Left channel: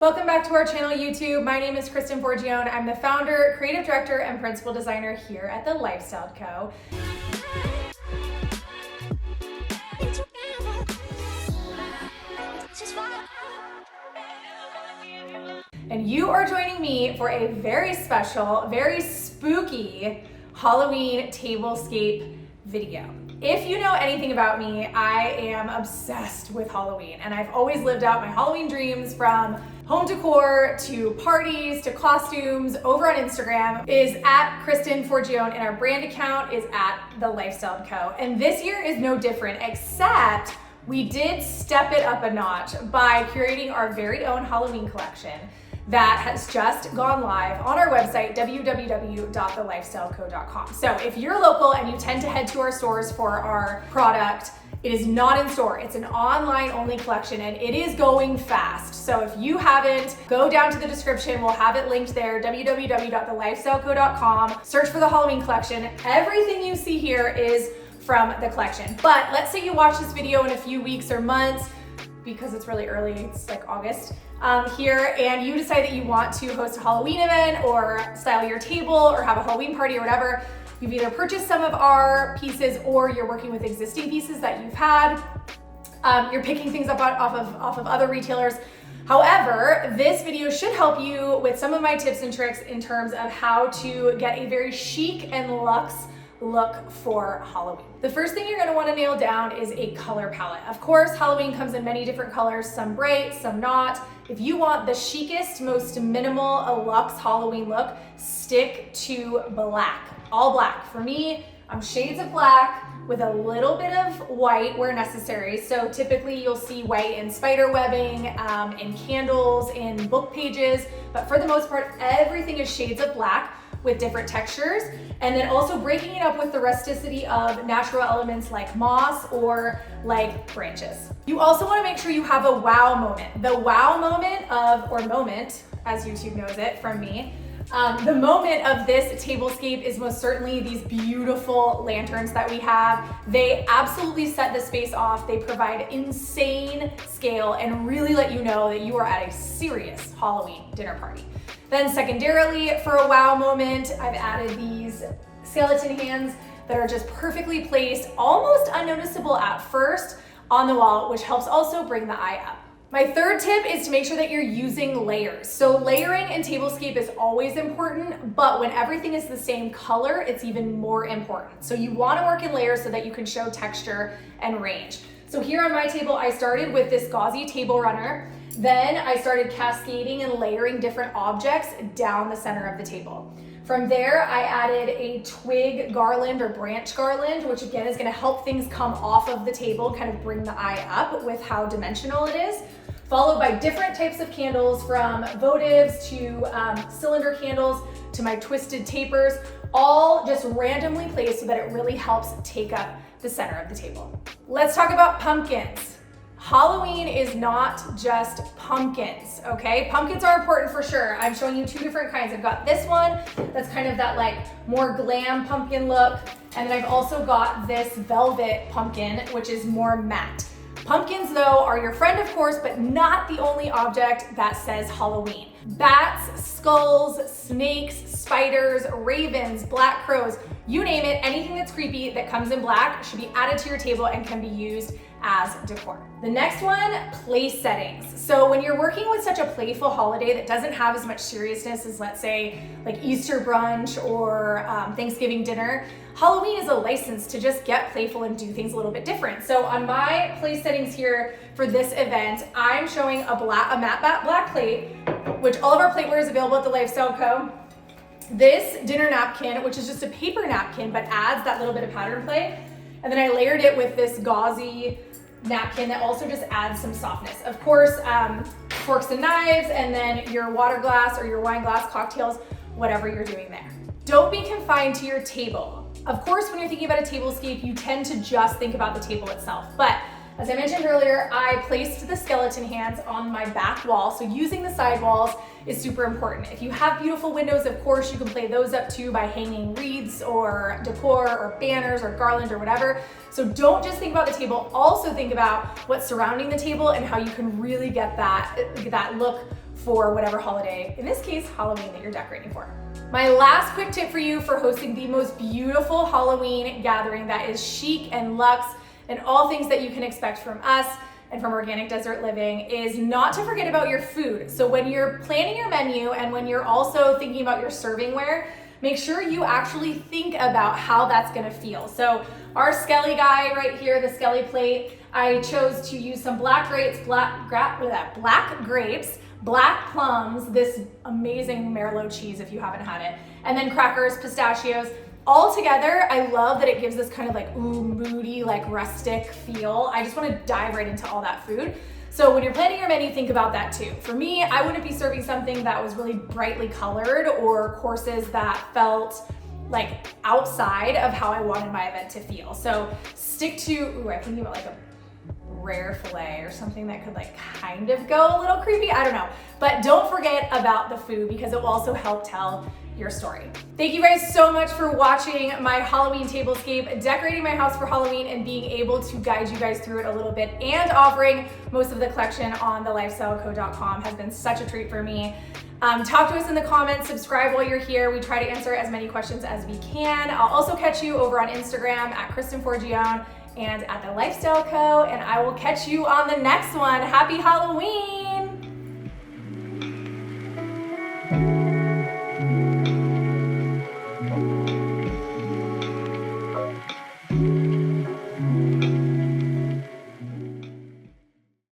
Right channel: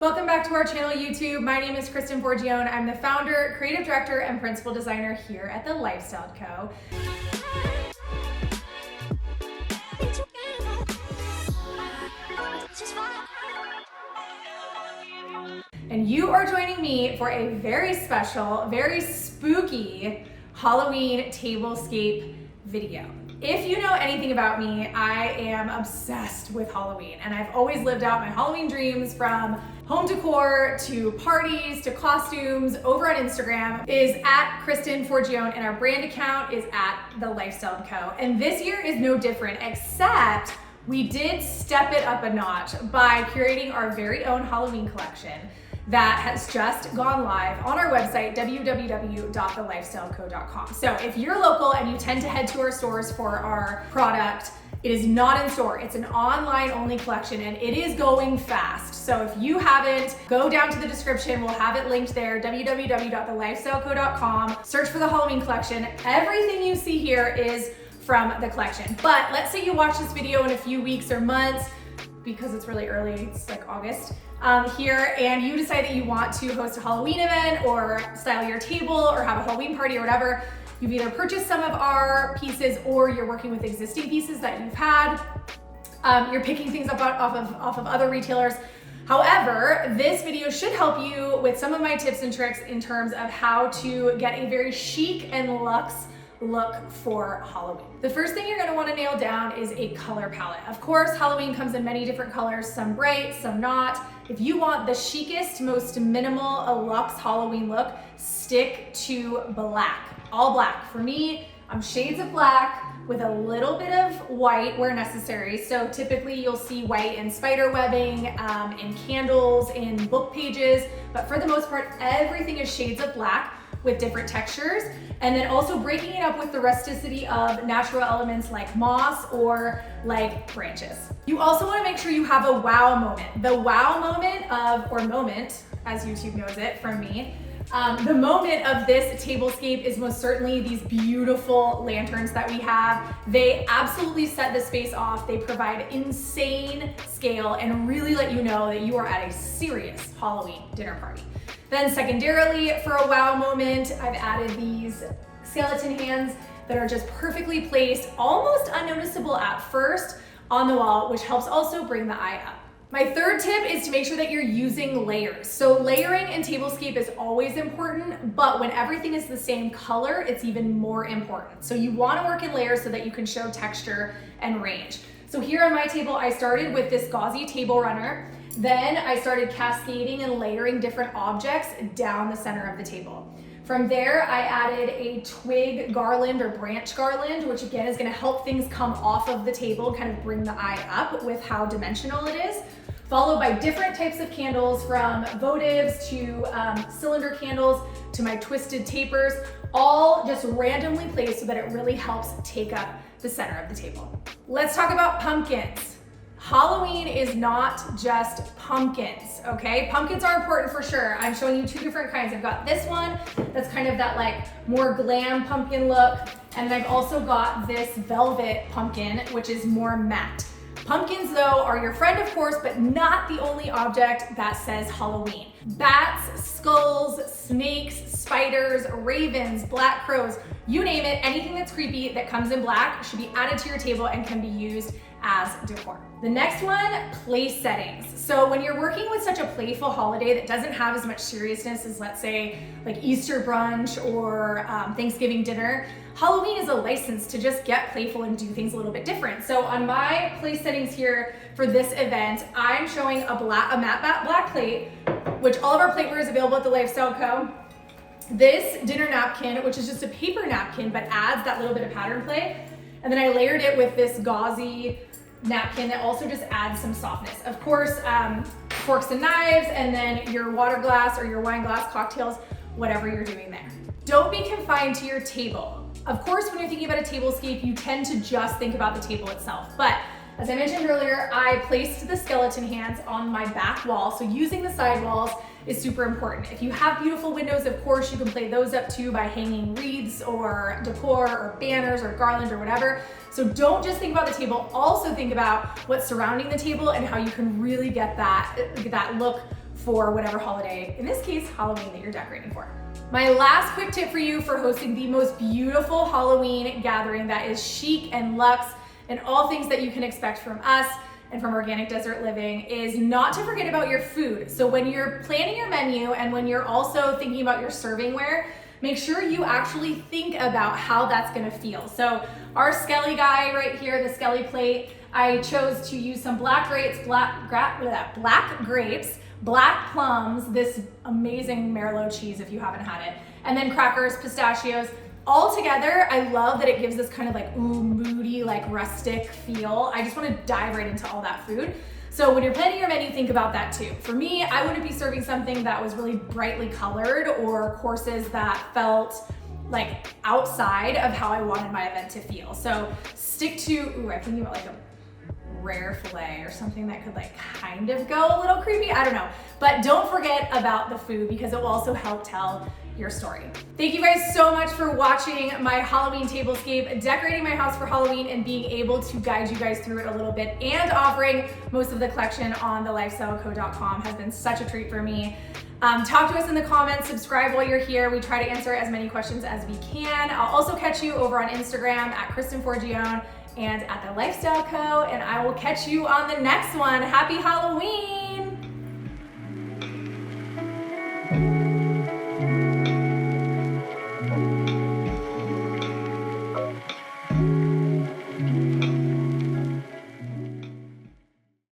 Welcome back to our channel, YouTube. My name is Kristen Forgione. I'm the founder, creative director, and principal designer here at THELIFESTYLEDCO. And you are joining me for a very special, very spooky Halloween tablescape video. If you know anything about me, I am obsessed with Halloween, and I've always lived out my Halloween dreams from home decor to parties to costumes. Over on Instagram is at Kristen Forgione, and our brand account is at THELIFESTYLEDCO. And this year is no different, except we did step it up a notch by curating our very own Halloween collection that has just gone live on our website, www.thelifestyleco.com. So if you're local and you tend to head to our stores for our product, it is not in store. It's an online only collection and it is going fast. So if you haven't, go down to the description. We'll have it linked there, www.thelifestyleco.com. Search for the Halloween collection. Everything you see here is from the collection. But let's say you watch this video in a few weeks or months, because it's really early, it's like August here, and you decide that you want to host a Halloween event or style your table or have a Halloween party or whatever. You've either purchased some of our pieces or you're working with existing pieces that you've had. You're picking things up off of other retailers. However, this video should help you with some of my tips and tricks in terms of how to get a very chic and luxe look for Halloween. The first thing you're going to want to nail down is a color palette. Of course, Halloween comes in many different colors, some bright, some not. If you want the chicest, most minimal, luxe Halloween look, stick to black. All black. For me, I'm shades of black with a little bit of white where necessary. So typically you'll see white in spider webbing, in candles, in book pages, but for the most part, everything is shades of black with different textures, and then also breaking it up with the rusticity of natural elements like moss or like branches. You also want to make sure you have a wow moment. The wow moment or moment, as YouTube knows it from me, the moment of this tablescape is most certainly these beautiful lanterns that we have. They absolutely set the space off. They provide insane scale and really let you know that you are at a serious Halloween dinner party. Then secondarily, for a wow moment, I've added these skeleton hands that are just perfectly placed, almost unnoticeable at first on the wall, which helps also bring the eye up. My third tip is to make sure that you're using layers. So layering in tablescape is always important, but when everything is the same color, it's even more important. So you want to work in layers so that you can show texture and range. So here on my table, I started with this gauzy table runner. Then I started cascading and layering different objects down the center of the table. From there, I added a twig garland or branch garland, which again is going to help things come off of the table, kind of bring the eye up with how dimensional it is. Followed by different types of candles, from votives to cylinder candles to my twisted tapers, all just randomly placed so that it really helps take up the center of the table. Let's talk about pumpkins. Halloween is not just pumpkins, okay? Pumpkins are important for sure. I'm showing you two different kinds. I've got this one that's kind of that like more glam pumpkin look, and then I've also got this velvet pumpkin, which is more matte. Pumpkins, though, are your friend, of course, but not the only object that says Halloween. Bats, skulls, snakes, spiders, ravens, black crows, you name it, anything that's creepy that comes in black should be added to your table and can be used as decor. The next one, place settings. So when you're working with such a playful holiday that doesn't have as much seriousness as, let's say, like Easter brunch or Thanksgiving dinner, Halloween is a license to just get playful and do things a little bit different. So on my place settings here for this event, I'm showing a matte black plate, which all of our plateware is available at THELIFESTYLECO. This dinner napkin, which is just a paper napkin, but adds that little bit of pattern play. And then I layered it with this gauzy napkin that also just adds some softness. Of course, forks and knives, and then your water glass or your wine glass, cocktails, whatever you're doing there. Don't be confined to your table. Of course, when you're thinking about a tablescape, you tend to just think about the table itself. But as I mentioned earlier, I placed the skeleton hands on my back wall. So using the side walls is super important. If you have beautiful windows, of course, you can play those up too by hanging wreaths or decor or banners or garland or whatever. So don't just think about the table, also think about what's surrounding the table and how you can really get that look for whatever holiday, in this case, Halloween, that you're decorating for. My last quick tip for you for hosting the most beautiful Halloween gathering that is chic and luxe and all things that you can expect from us and from Organic Desert Living is not to forget about your food. So when you're planning your menu and when you're also thinking about your servingware, make sure you actually think about how that's gonna feel. So our Skelly guy right here, the Skelly plate, I chose to use some black grapes, black plums, this amazing Merlot cheese if you haven't had it, and then crackers, pistachios. All together, I love that it gives this kind of like moody, like rustic feel. I just want to dive right into all that food. So when you're planning your menu, think about that too. For me, I wouldn't be serving something that was really brightly colored or courses that felt like outside of how I wanted my event to feel. So stick to, I'm thinking about like a rare filet or something that could like kind of go a little creepy, I don't know. But don't forget about the food because it will also help tell your story. Thank you guys so much for watching my Halloween tablescape, decorating my house for Halloween and being able to guide you guys through it a little bit, and offering most of the collection on THELIFESTYLECO.com has been such a treat for me. Talk to us in the comments, subscribe while you're here. We try to answer as many questions as we can. I'll also catch you over on Instagram at Kristen Forgione and at The Lifestyle Co. And I will catch you on the next one. Happy Halloween!